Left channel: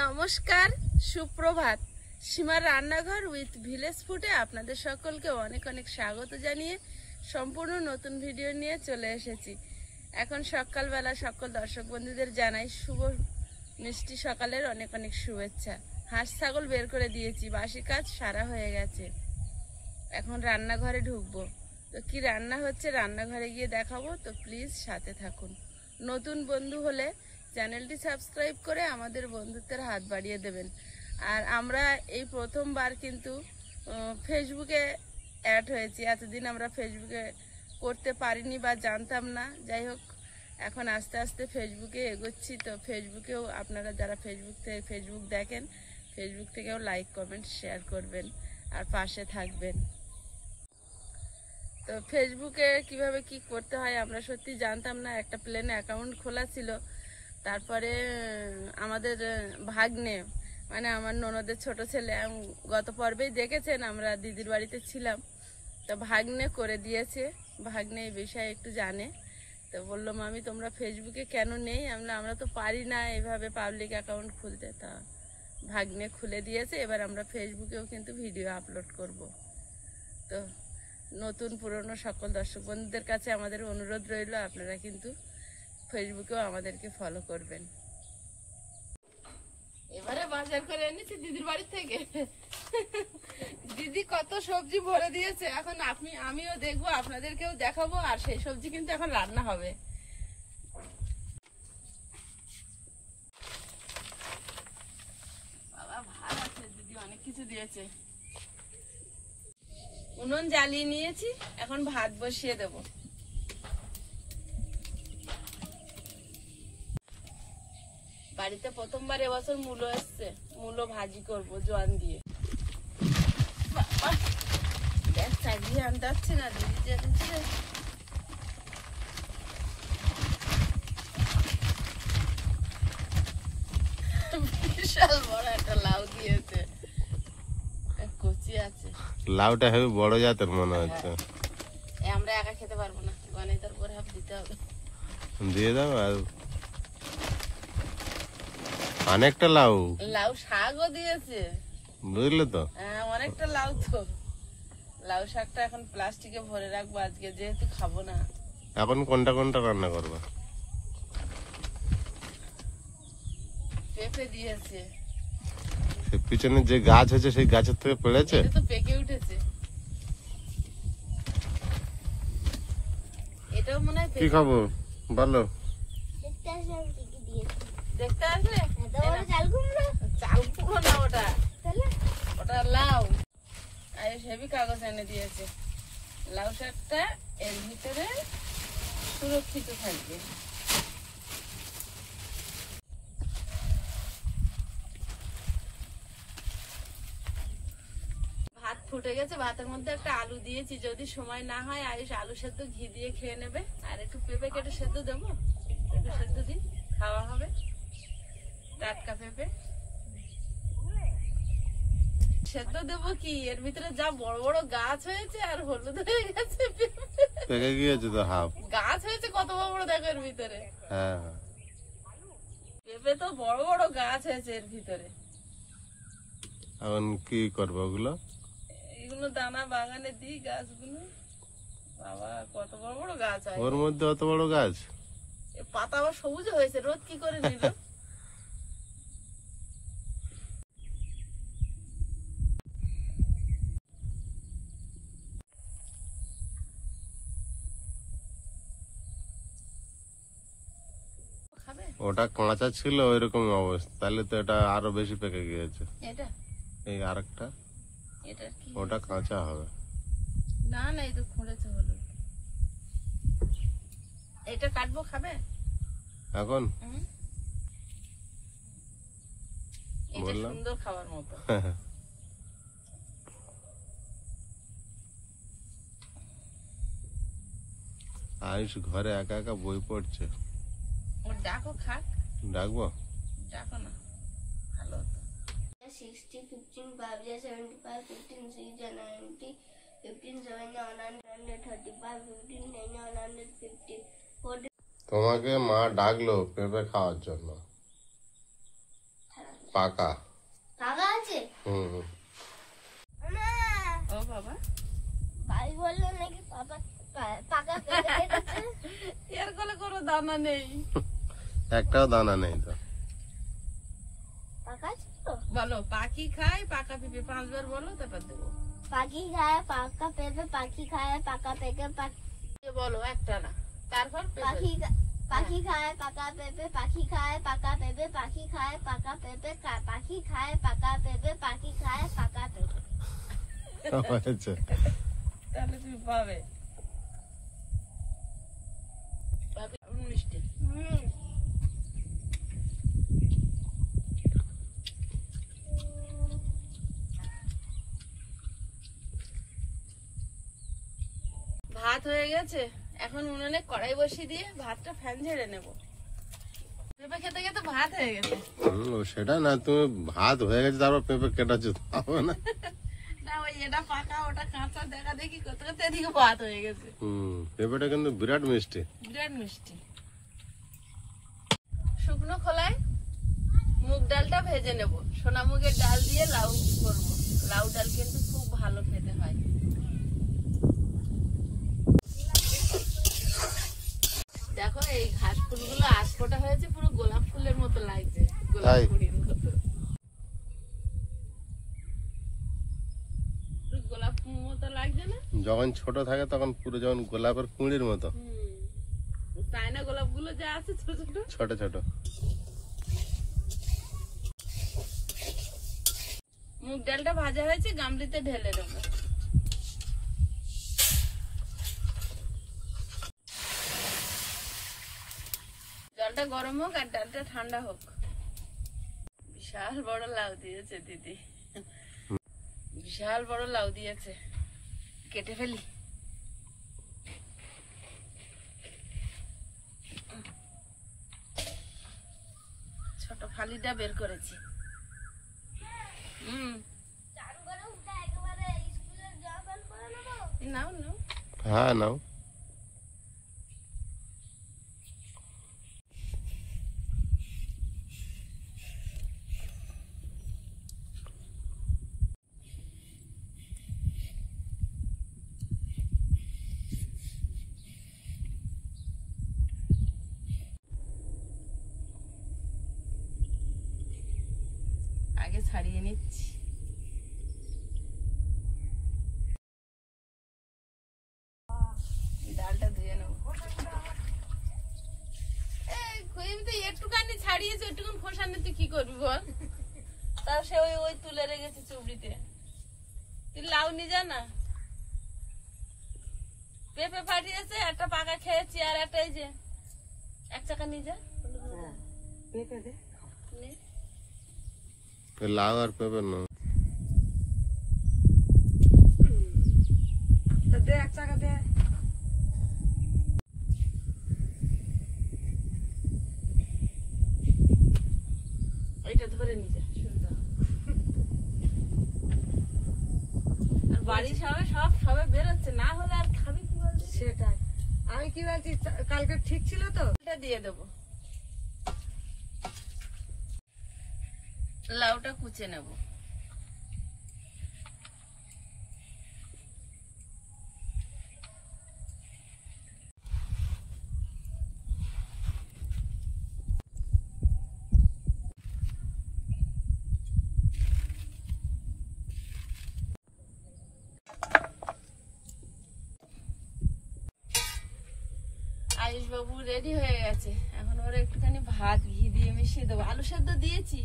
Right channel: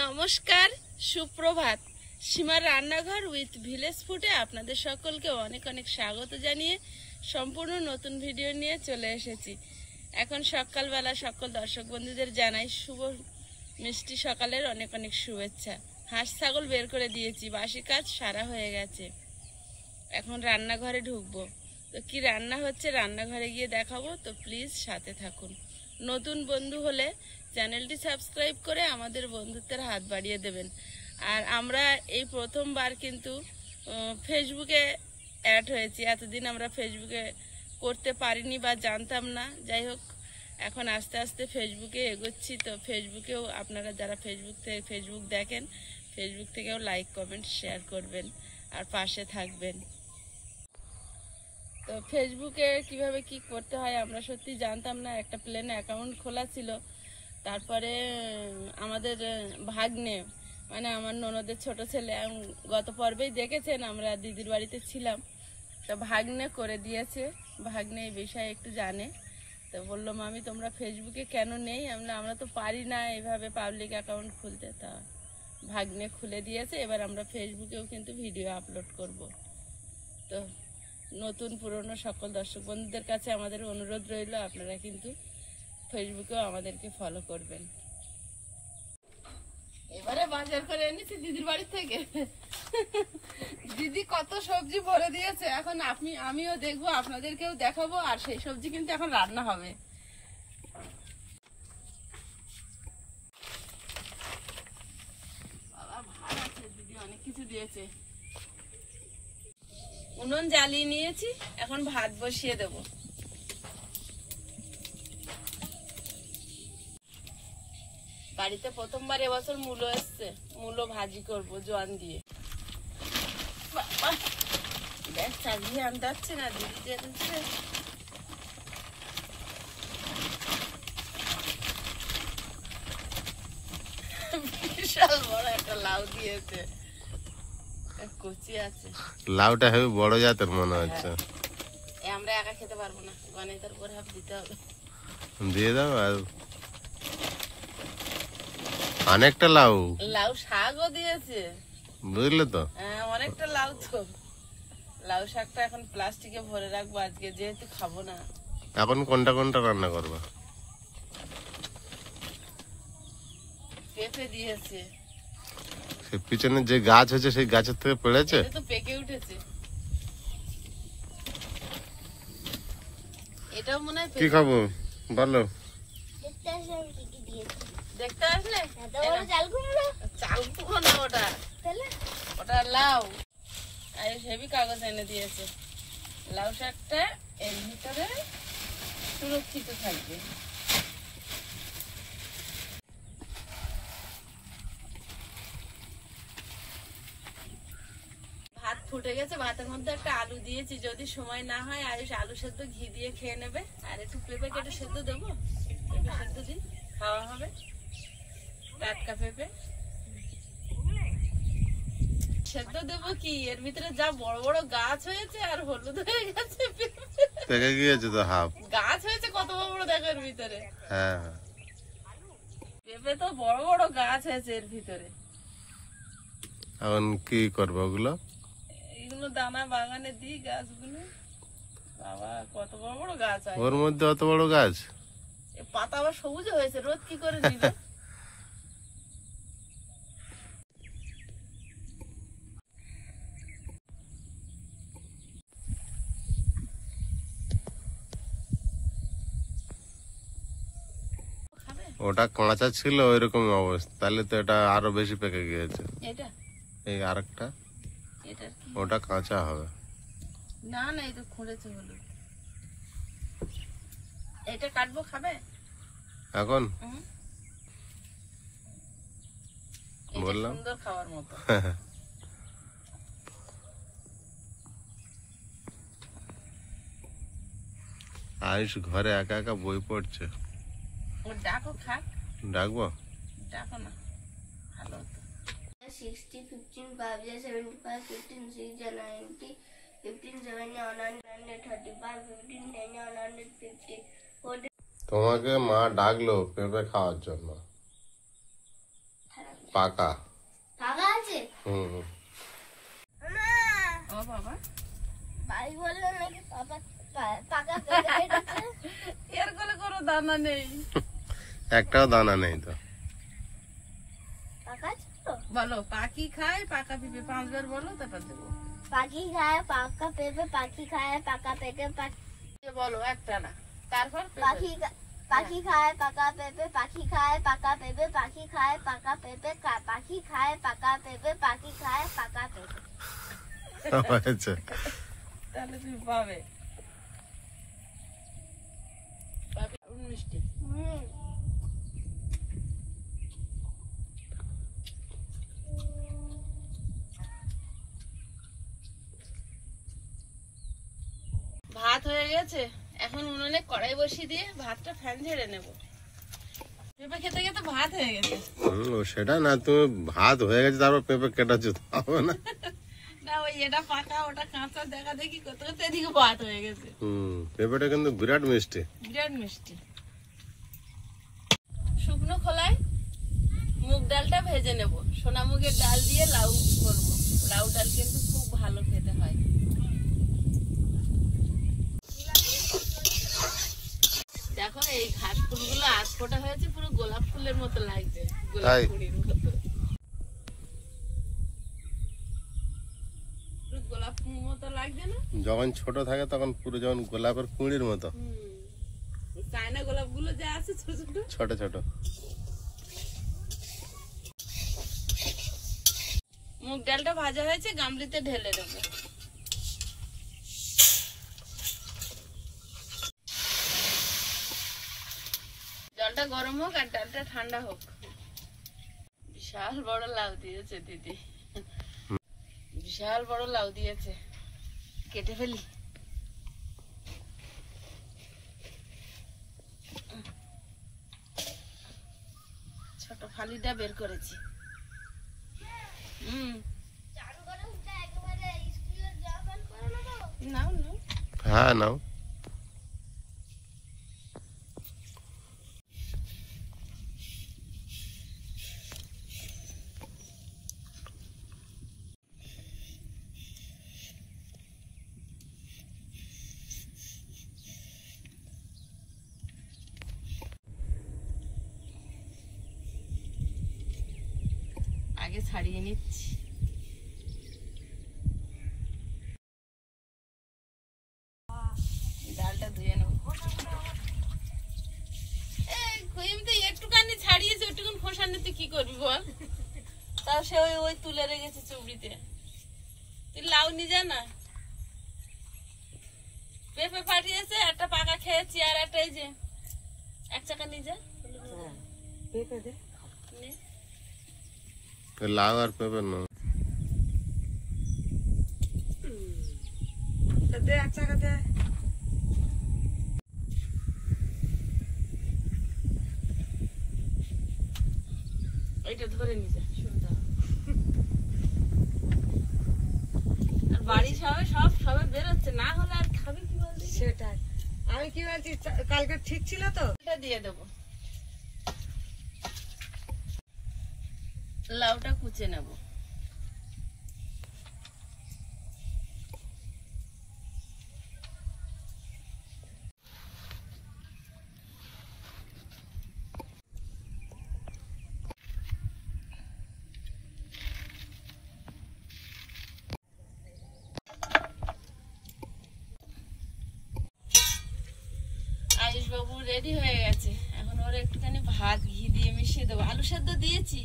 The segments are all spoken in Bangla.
নমস্কার, সুপ্রভাত। সীমার রান্নাঘর উইথ ভিলেজ ফুডে আপনাদের সকলকে অনেক অনেক স্বাগত জানিয়ে সম্পূর্ণ নতুন ভিডিও নিয়ে চলে এসেছি। এখন সকালবেলা সকল দর্শক বন্ধুদের জানাই শুভ মিষ্টি সকালের অনেক অনেক শুভেচ্ছা। হাঁস ছাগল বের করে দিয়েছি, বাসি কাজ সারা হয়ে গেছে। এখন রান্নাঘরে ঢুকবো। তো কি রান্না হচ্ছে রান্নাঘরে গিয়ে দেখাবো, তো প্লিজ সাথে থাকুন। নতুন বন্ধু হলে চ্যানেলটি সাবস্ক্রাইব করে আমাদের বন্ধুত্বের হাত বাড়িয়ে দেবেন। আর আমরা এই প্রথমবার কিন্তু ফেসবুকে অ্যাড হয়েছি। এতদিন আমরা ফেসবুকে করতে পারিনি বা জানতাম না। যাই হোক, এখন আস্তে আস্তে ফেসবুকে এগোচ্ছি। তো ফেসবুকেও আপনারা যারা ফেসবুক দেখেন, ফেসবুক থেকেও লাইক কমেন্ট শেয়ার করবেন আর পাশে থাকবেন। তো ফেসবুকে কিভাবে কি করতে হয় আমরা সত্যি জানতাম না। একটা প্লেনে অ্যাকাউন্ট খোলা ছিল। তারপরে আমাদের ভাগ্নে, মানে আমার ননদের ছোট ছেলে, গত পর্বেই দেখেছেন আমরা দিদির বাড়িতে ছিলাম, তো ভাগ্নে করে দিয়েছে। ভাগ্নে এই বিষয়ে একটু জানে, তো বললো মামি তোমরা ফেসবুকে কেন নেই? আমরা তো পারি না এইভাবে পাবলিক অ্যাকাউন্ট খুলতে। তা ভাগ্নে খুলে দিয়েছে। এবার আমরা ফেসবুকেও কিন্তু ভিডিও আপলোড করব। তো নতুন পুরনো সকল দর্শক বন্ধুদের কাছে আমাদের অনুরোধ রইল, আপনারা কিন্তু ফেসবুকেও আমাদেরকে ফলো করবেন। এবারে বাজার করে এনেছি দিদির বাড়ি থেকে। দিদি কত সবজি ভরে দিয়েছে। এখন আমিও দেখবো, আপনাদেরকেও দেখাবো। আর সেই সবজি কিন্তু এখন রান্না হবে। বাবা ভাত আছে, দিদি অনেক কিছু দিয়েছে। উনুন জ্বালিয়ে নিয়েছি, এখন ভাত বসিয়ে দেবো। বাড়িতে প্রথমবার এবছর মূলো এসছে, মূলো ভাজি করবো জোয়ান দিয়ে। গ্যাস চালিয়ে আনতে হচ্ছে না, দিদি জ্বালিয়েছে। বিশাল বড় একটা লাউ দিয়েছে, কচি আছে। লাউটা হেবি বড় জাতের মনে হচ্ছে। আমরা একা খেতে পারবো না, গণেতার পরে হাফ দিতে হবে। দিয়ে দাও। আর অনেকটা লাউ শাকও দিয়েছে, বুঝলে তো। হ্যাঁ অনেকটা লাউ। তো লাউ শাকটা এখন প্লাস্টিকে ভরে রাখবো আজকে, যেহেতু খাবো না। এখন কোনটা কোনটা রান্না করবা? পেঁপে দিয়েছে। পিছনে যে গাছ হয়েছে সেই গাছের থেকে পেড়েছে, তো পেকে উঠেছে। এটাও মনে হয় কি খাবো বলো? দেখতে আসলে চাল কুমড়ো না, ওটা লাউ। আর হেভি কাগজ এনে দিয়েছে। লাউ শাকটা এর ভিতরে সুরক্ষিত থাকবে। ভাত ফুটে গেছে, ভাতের মধ্যে একটা আলু দিয়েছি। যদি সময় না হয় আয়ুষ আলু সেদ্ধ ঘি দিয়ে খেয়ে নেবে। আর একটু পেঁপে কেটে সেদ্ধ দেবো, পেঁপে সেদ্ধ দিন খাওয়া হবে। টাটকা পেঁপে সেদ্ধ দেবো কি, এর ভিতরে যা বড় বড় গাছ হয়েছে আর হলুদ হয়ে গেছে। পেকে গিয়েছে তো হাফ গাছ হয়েছে কত বড় বড় দেখো এর ভিতরে। হ্যাঁ, পেঁপে তো বড় বড় গাছ হয়েছে এর ভিতরে। এখন কি করবো ওগুলো? এগুলো দানা বাগানে দিই গাছগুলো। বাবা কত বড় বড় গাছ হয় ওর মধ্যে, অত বড় গাছ। পাতা আবার সবুজ হয়েছে, রোদ কি করে দিবে। ওটা কাঁচা ছিল ওইরকম অবস্থা, তাহলে তো এটা আরো বেশি পেকে গিয়েছে। এটা এই আরেকটা, এটা কি? ওটা কাঁচা হবে না না, এই তো খুঁড়েছে হলো। এটা কাটবো, খাবে এখন? বললাম সুন্দর খাওয়ার মতো। আয়ুষ ঘরে একা একা বই পড়ছে। ডাকো, খাক। ডাকবো? ডাকো না, ভালো হতো। 60, 15, 5, 75, 15, 6, 90, 15, 7, 135, 15, 10, 150, 40. তোমাকে মা ডাকলো পেঁপে খাওয়ার জন্য। পাকা। পাকা আছে? হুম। না, ও বাবা, ভাই বললো নাকি পাকা পেঁপে কেটেছে। এর কোলে কোনো দানা নেই। একটাও দানা নেই তো। পাকা ছিল? বলো, পাখি খায় পাকা পেঁপে 5 বার বলো, তারপর দেবো। পাখি খায় পাকা পেঁপে, পাখি খায় পাকা পেঁপে, বলো একটা না, তারপর পাখি পাখি খায় পাকা পেঁপে, পাখি খায় পাকা পেঁপে, পাখি খায় পাকা পেঁপে, পাখি খায় পাকা পেঁপে, পাখি খায় পাকা পেঁপে। হয়েছে। তাহলে তুমি পাবে। মিষ্টি। ভাত হয়ে গেছে, এখন উনুনে কড়াই বসিয়ে দিয়ে ভাতটা ফ্যান ঝেড়ে নেব। পেঁপে খেতে খেতে ভাত হয়ে গেছে। ও সেটা না, তুমি ভাত হয়ে গেছে তারপর পেঁপে কেটাচ্ছ, হবে না? না, ওই এটা পাকা ওটা কাঁচা দেখা দেখি করতে করতে এদিকে ভাত হয়ে গেছে। পেঁপেটা কিন্তু বিরাট মিষ্টি। বিরাট মিষ্টি। শুকনো খোলায় মুগ ডালটা ভেজে নেব। সোনা মুগের ডাল দিয়ে লাউ করব। লাউ ডাল কিন্তু খুব ভালো খেতে হয়। দেখো এই ঘাস ফুলগুলো আজ ফোটা হয়েছে, পুরো গোলাপ ফুলের মতো লাগছে, গোলাপ তাই? কুড়ির মতো। পুরো গোলাপ ফুলের মতো লাগছে না? যখন ছোট থাকে তখন পুরো যেমন গোলাপের কুঁড়ির মতো চায়না গোলাপ গুলো যা আছে ছোট ছোট। ছোট ছোট। মুগ ডালটা ভাজা হয়েছে, গামলিতে ঢেলে দেবো। জলটা গরম হোক আর ডালটা ঠান্ডা হোক। বিশাল বড় লাউ দিয়েছে দিদি, বিশাল বড় লাউ দিয়েছে। কেটে ফেলি। ছোট ফালিটা বের করেছি। নাও নাও। হ্যাঁ নাও। আগে ছাড়িয়ে নিচ্ছি। ডালটা ধুয়ে নেব। একটুখানি ছাড়িয়েছে, ওইটুকুন ফোসানে তুই কি করবি বল? তাও সে ওই ওই তুলে রেখেছে চুবড়িতে। তুই লাউ নি যা না। পেঁপে পাঠিয়েছে, একটা পাকা খেয়েছি আর একটা এই যে এক চাকা নিয়ে যা। নে। লাউ আর পেঁপে না, দে এক চাকা দে। এইটা ধরে নিয়ে যা, সুবিধা হবে। আর বাড়ি সবে বেরোচ্ছে, না হলে আর খাবি কি বলছিস? সেটাই আমি কি বলছি, কালকে ঠিক ছিল তো? এটা দিয়ে দেবো। লাউটা কুচে নেব। আয়ুষ বাবু রেডি হয়ে গেছে, এখন ওরা একটুখানি ভাত ঘি দিয়ে মিশিয়ে দেবো। আলু সেদ্ধ দিয়েছি।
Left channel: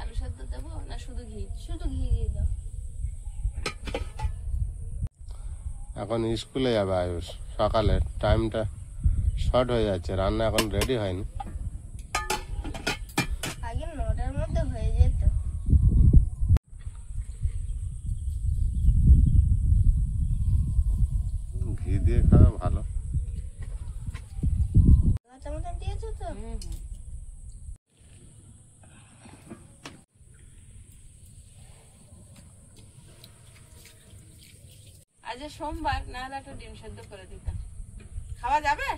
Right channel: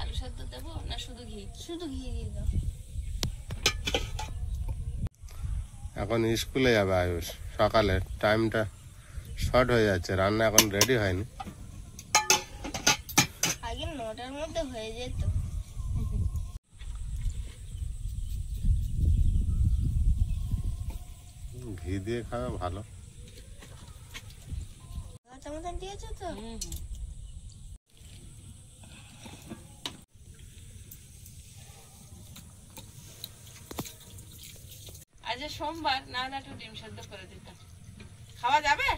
আলু সেদ্ধ দেবো না শুধু ঘি? শুধু ঘি দিয়ে দাও। এখন স্কুলে যাবে আয়ুষ, সকালে টাইমটা শর্ট হয়ে যাচ্ছে, রান্না এখন রেডি হয়নি। আগে 9টার মধ্যে হয়ে যেত। ঘি দিয়ে খাওয়া ভালো। কাঁচা মতন দিয়েছো তো? আজ সোমবার, না হলে একটু ডিম সেদ্ধ করে দিতাম। খাওয়া যাবে?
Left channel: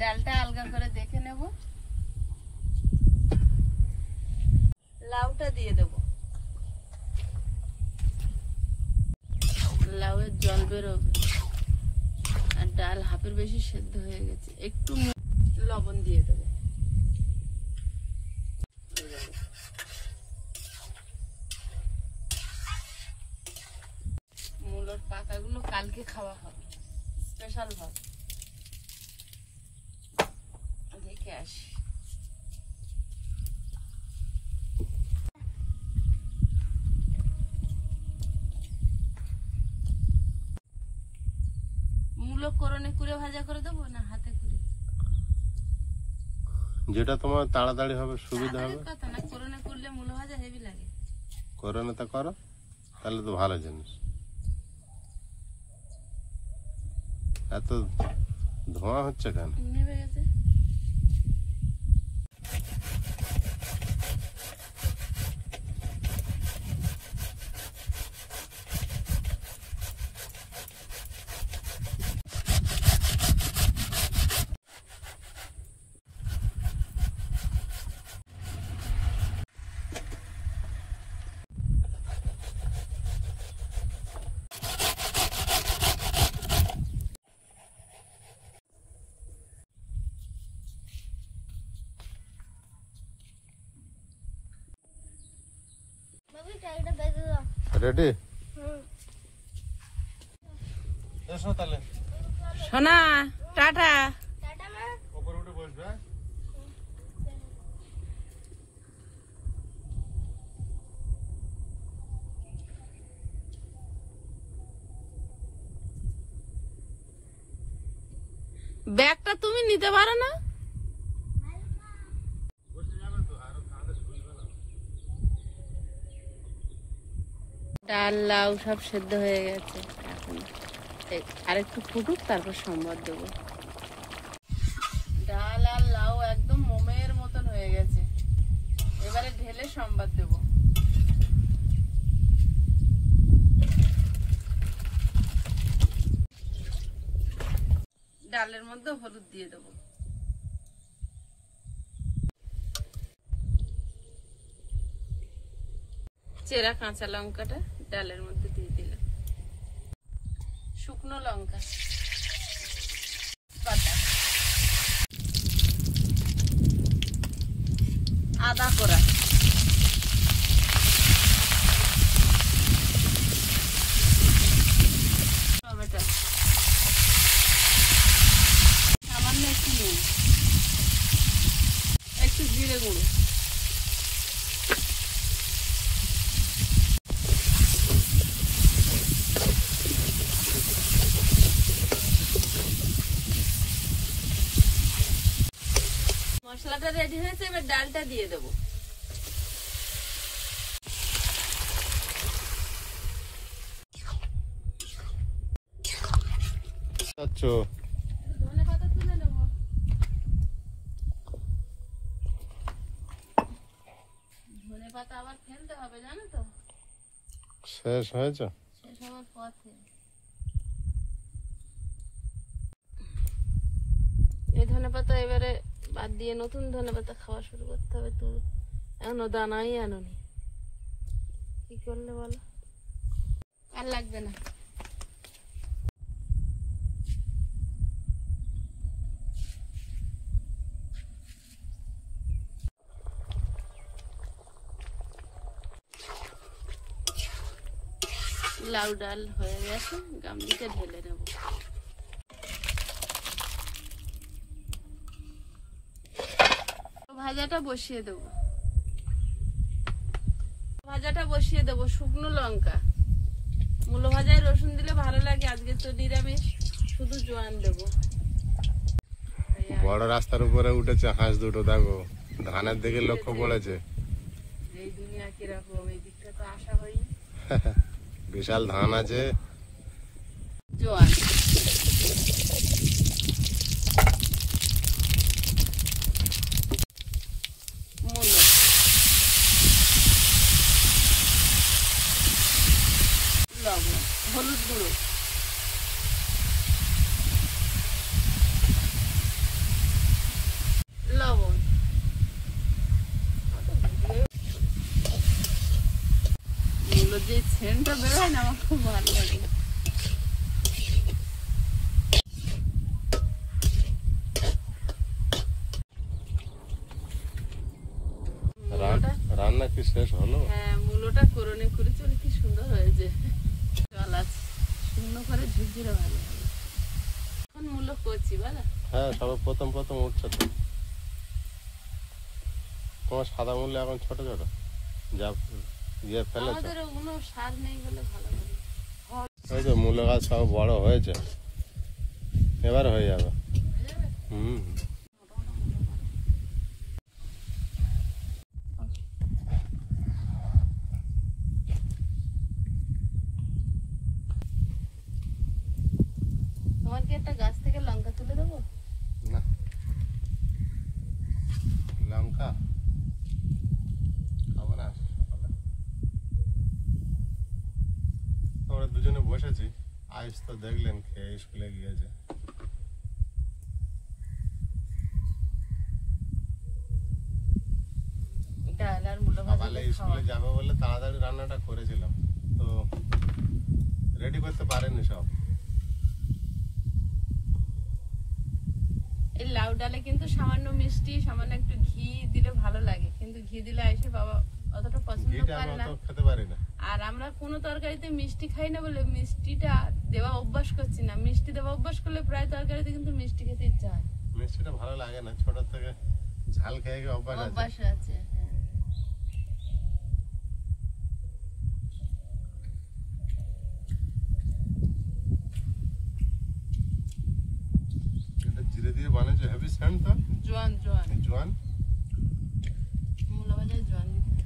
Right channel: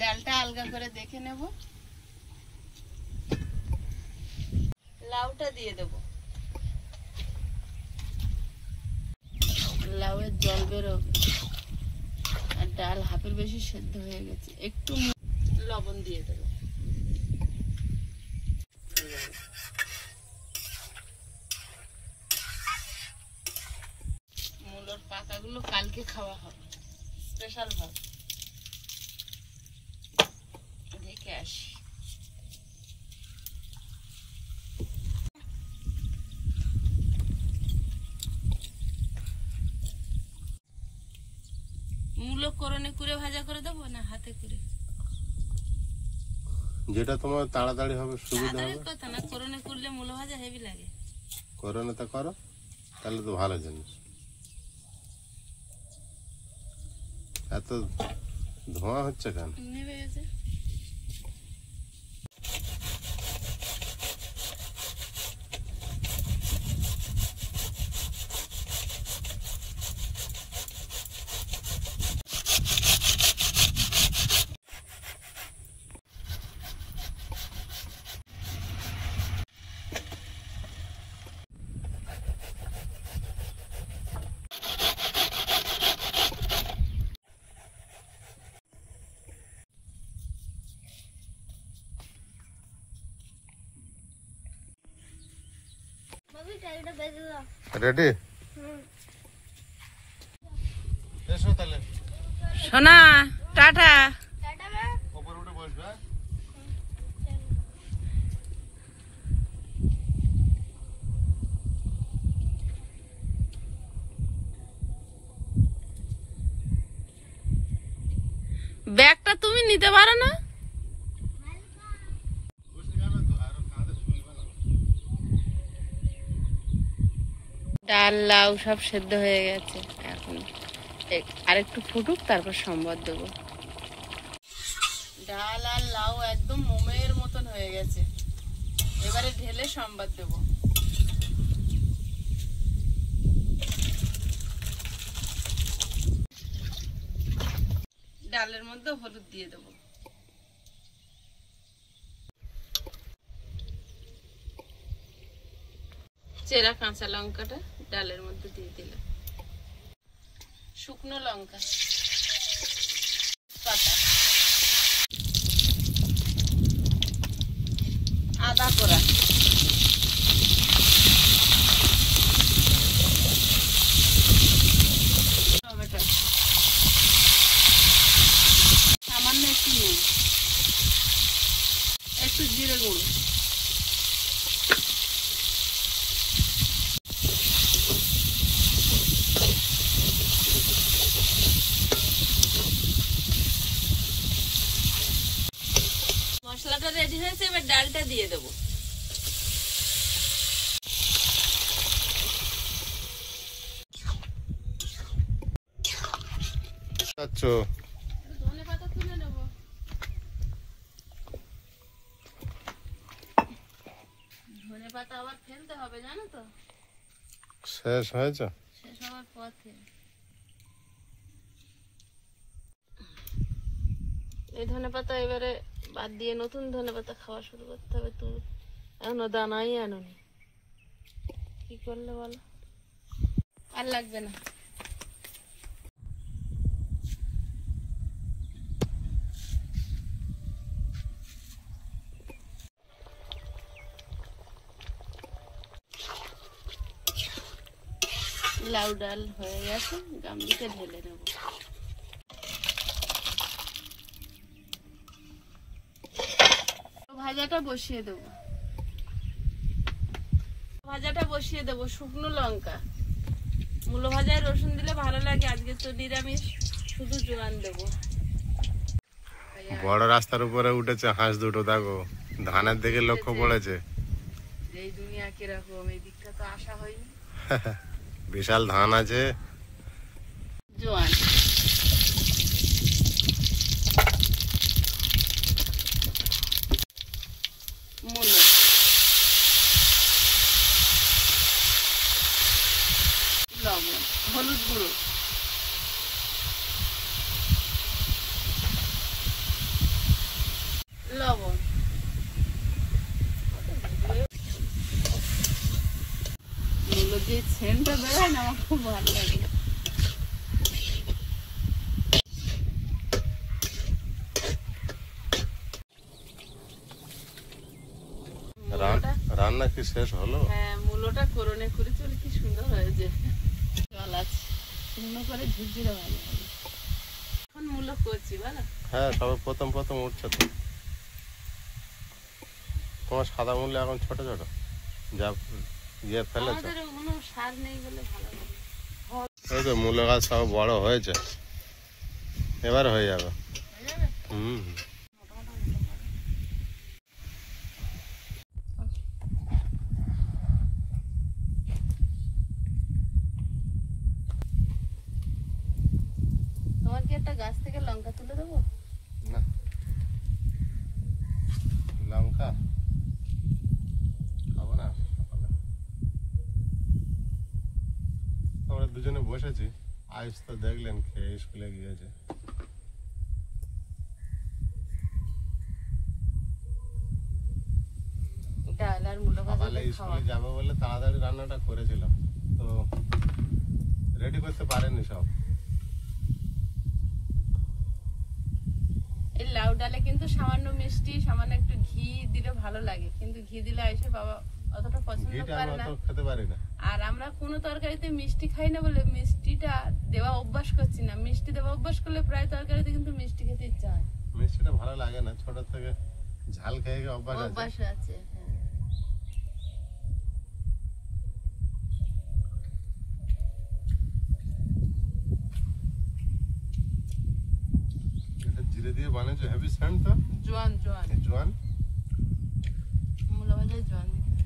ডালটা আলগা করে দেখে নেব। লাউটা দিয়ে দেব। লাউয়ের জল বেরোবে আর ডাল হাফের বেশি সেদ্ধ হয়ে গেছে। একটু লবণ দিয়ে দেব। মূলোর পাতাগুলো কালকে খাওয়া হবে স্পেশাল ভাবে। দেখে আসি। মূলো করনে কুড়ে ভাজা করে দেবো না হাতে করে? যেটা তোমার তাড়াতাড়ি হবে, সুবিধা তাড়াতাড়ির হবে। কথা না, করনে করলে মূলো ভাজা হেভি লাগে। করো না তা করো, তাহলে তো ভালো জিনিস। এত ধোঁয়া হচ্ছে কেন? নেবে গেছে। বাবি টাইটা বেজে দাও। রেডি? এসো তাহলে। সোনা টাটা। টাটা মা। উপরে উঠে বসবে। ব্যাগটা তুমি নিতে পারো না? ডাল লাউ সব সেদ্ধ হয়ে গেছে। এখন আরেকটু ফুটুক, তারপর সম্বাদ দেবো। ডাল আর লাউ একদম মোমের মতন হয়ে গেছে। এবারে ঢেলে সম্বাদ দেবো। ডালের মধ্যে হলুদ দিয়ে দেবো। চেরা কাঁচা লঙ্কাটা ডালের মধ্যে দিয়ে দিলাম। শুকনো লঙ্কা পাতা, আদা কোড়া, টমেটো, সামান্য একটু নুন, একটু জিরে গুঁড়ো, মশলাটা রেডি হয়েছে। এবার ডালটা দিয়ে দেবো। আচ্ছা, ধনেপাতা তুলে নেবো। ধনেপাতা আবার ফেলতে হবে জানো তো, শেষ হয়েছে। শেষ হওয়ার পথে। এই ধনেপাতা এবারে বাদ দিয়ে নতুন ধনেপাতা খাওয়া শুরু করতে হবে। তুমি এখনো দানাই আনোনি, কি করলে বলো? আর লাগবে না। লাউ ডাল হয়ে গেছে, গামলিতে ঢেলে নেব। ভাজাটা বসিয়ে দেবো। ভাজাটা বসিয়ে দেবো। শুকনো লঙ্কা, মূলো ভাজায় রসুন দিলে ভালো লাগে। আজকে তো নিরামিষ, শুধু জোয়ান দেবো। বড় রাস্তার উপরে উঠেছে হাঁস দুটো, দেখো ধানের দিকে লক্ষ্য পড়েছে। এই দুনিয়া কিরকম, এই দিকটা তো আসা হয়নি। বিশাল ধান আছে। জোয়ান, মূলো, লবণ, হলুদ গুঁড়ো, মূলো যে সেন্টটা বেরোয় না আমার খুব ভালো লাগে। রান্না কি শেষ হলো? হ্যাঁ, মূলোটা করনে করেছি বলে কি সুন্দর হয়েছে। জল আছে শুকনো করে ঝুরঝুরে ভালো লাগে। এখন মূলো করছি বলো। হ্যাঁ, সবে প্রথম প্রথম উঠছে তো। তোমার সাদা মূল্য এখন ছোট ছোট যা ইয়ে ফেলেছ। আমাদের কোনো সার নেই বলে ভালো লাগে। এই তো মূল্য গাছ সব বড় হয়েছে, এবার হয়ে যাবে। হুম, তোমার কি একটা গাছ থেকে লঙ্কা তুলে দেবো? না লঙ্কা খাবো না সকালে। আমরা দুজনে বসেছি, আয়ুষ তো দেখলেন খেয়ে স্কুলে গিয়েছে। ডাল আর মূলো ভাজা সকালে দিয়ে খাওয়া। স্কুলে যাবে বলে তাড়াতাড়ি রান্নাটা করেছিলাম, তো রেডি করতে পারেনি সব। এই লাউ ডালে কিন্তু সামান্য মিষ্টি সামান্য একটু ঘি দিলে ভালো লাগে, কিন্তু ঘি দিলে এসে বাবা অতটা পছন্দ ঘিটা করে আমি না। অত খেতে পারি না। আর আমরা কোনো তরকারিতে মিষ্টি খাই না বলে মিষ্টিটা দেওয়া অভ্যাস করছি না। মিষ্টি দেওয়া অভ্যাস করলে প্রায় তরকারিতে কিন্তু মিষ্টি খেতে ইচ্ছা হয়। মিষ্টিটা ভালো লাগে না, ছোট থেকে ঝাল খেয়ে খেয়ে অভ্যাস আছে। অভ্যাস আছে, হ্যাঁ। এটা জিরে দিয়ে বানিয়েছে, হেভি সেন্ট তো। জোয়ান জোয়ান এই জোয়ান মূলো ভাজায় জোয়ান দিতে হয়।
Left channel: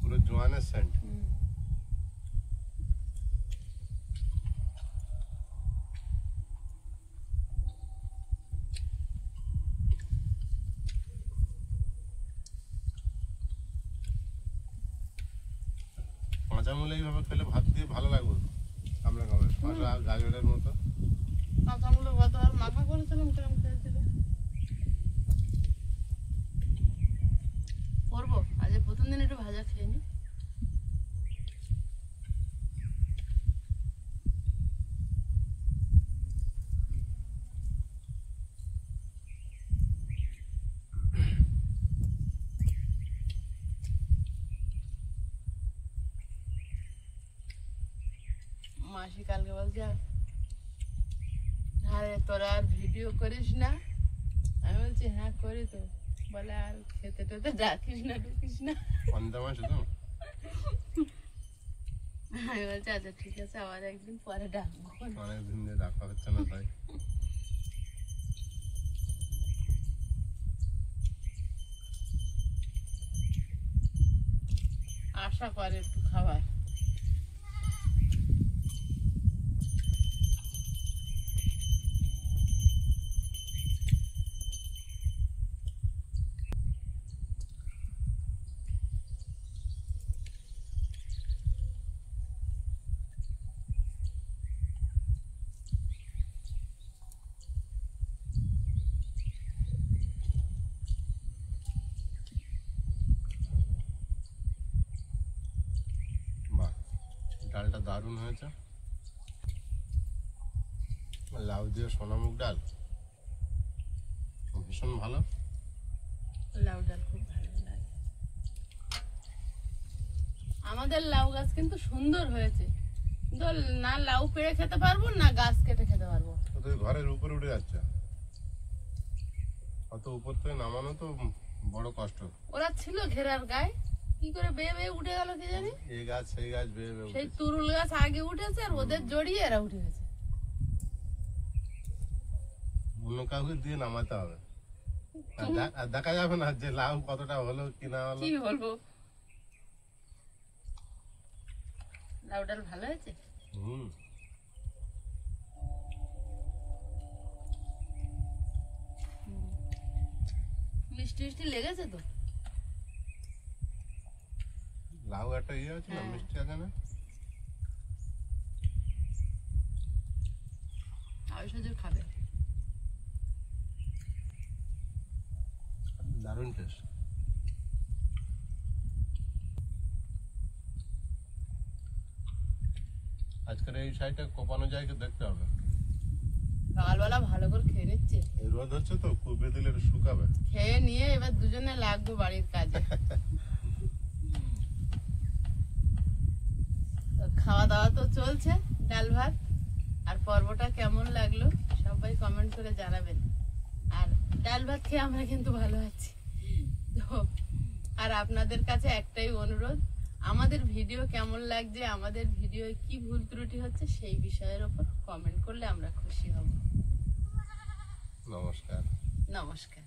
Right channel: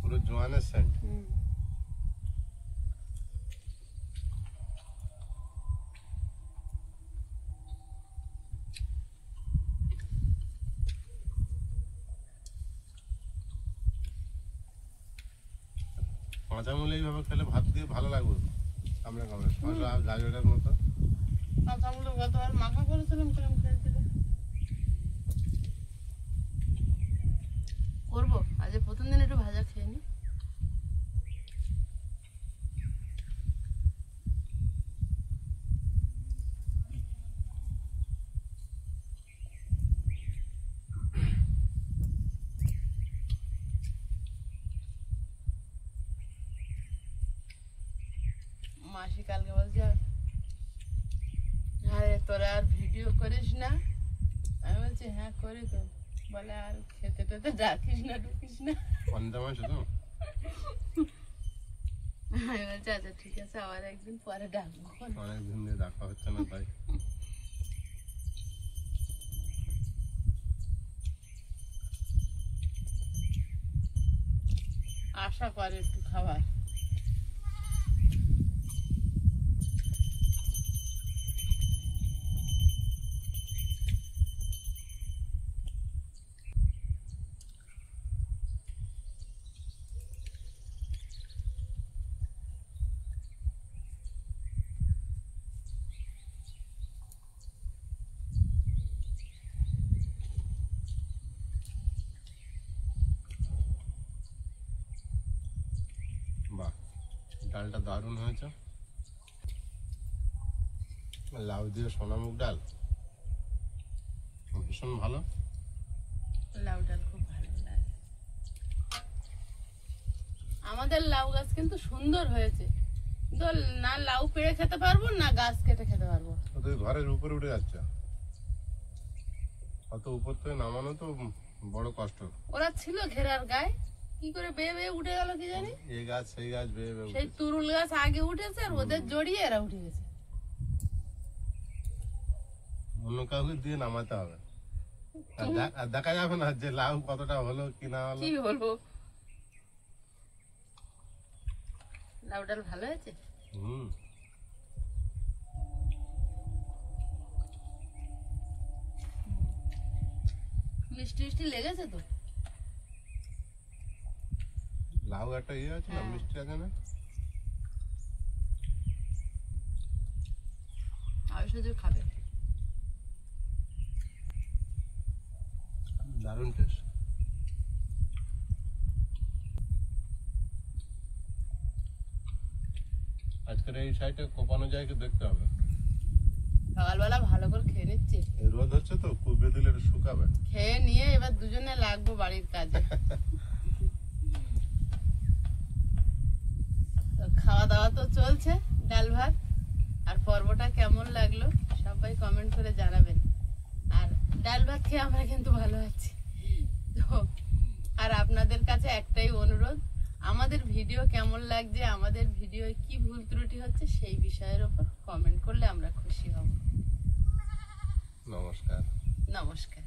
পুরো জোয়ানের সেন্ট। হুম। কাঁচা মূলা এইভাবে খেলে ভাত দিয়ে ভালো লাগবে, কামড়ে কামড়ে শসা গাজরের মতো। কাঁচামূলো গতবার মাখা করেছিলাম, কিরম খেয়েছিল। করবো আজ প্রথম দিন একটু ভাজা খেয়ে নি। মাসি কালকে বলছে, আরে তোরা আর ভিডিও করিস না? আমি বলছি হ্যাঁ করি তো। বলে আর খেতে টেতে ডাকিস না ঢুকিস না। অন্ধা মাছ তো আমি বলছি আচ্ছা ঠিক আছে, আবার একদিন পরে ডাকবো। অনেকদিন দিয়ে দেখা হচ্ছে না তাই। আশা করে একটু খাবার। বাহ, ডালটা দারুণ হয়েছে। লাউ দিয়ে সোনামুগ ডাল ভীষণ ভালো। লাউ ডাল খুব ভালো লাগে। আমাদের লাউ গাছ কিন্তু সুন্দর হয়েছে, কিন্তু না লাউ পেড়ে খেতে পারবো না গাছ কেটে খেতে পারবো। ও তো ঘরের উপরে উঠে যাচ্ছে, অত উপর থেকে নামানো তো বড় কষ্ট। ওরা ছিল ঘেরার গায়ে, কি করে বেয়ে বেয়ে উঠে গেল কি জানি। এই গাছ সেই গাছ বেয়ে বেয়ে সেই উঠেছে। তুরুল গাছ আগে উঠেছে আর ওদের জড়িয়ে এরা উঠে গেছে। অন্য কাউকে দিয়ে নামাতে হবে, আর দেখা যাবে না যে লাউ কতটা হলো কি না হলো। কি বলবো, লাউ ডাল ভালো হয়েছে। হুম, মিষ্টি মিষ্টি লেগেছে তো। লাউ একটা ইয়ে আছে না, হ্যাঁ। মিষ্টি আছে না। আয়ুষ খাবে। দারুণ টেস্ট। আজকের এই সাইডে কোপানো যায় কি দেখতে হবে। সকালবেলা ভালো করে খেয়ে নিচ্ছি, এই রোদ হচ্ছে তো কুপে দিলে এটা শুকাবে। খেয়ে নিয়ে এবার দুজনে লাগবো বাড়ির কাজে। তো খাওয়া দাওয়া তো চলছে, ডাল ভাত। আর পর্বটা কেমন লাগলো সবাই কমেন্ট করে জানাবেন। আর ডাল ভাত খেয়ে আমরা কিন্তু ভালো আছি। তো আর আপনাদের কাছে একটাই অনুরোধ, আমাদের ভিডিও কেমন লাগছে, আমাদের ভিডিও কি ভুল ত্রুটি হচ্ছে সেই বিষয়ের উপর কমেন্ট করলে আমরা খুশি হব। নমস্কার। নমস্কার।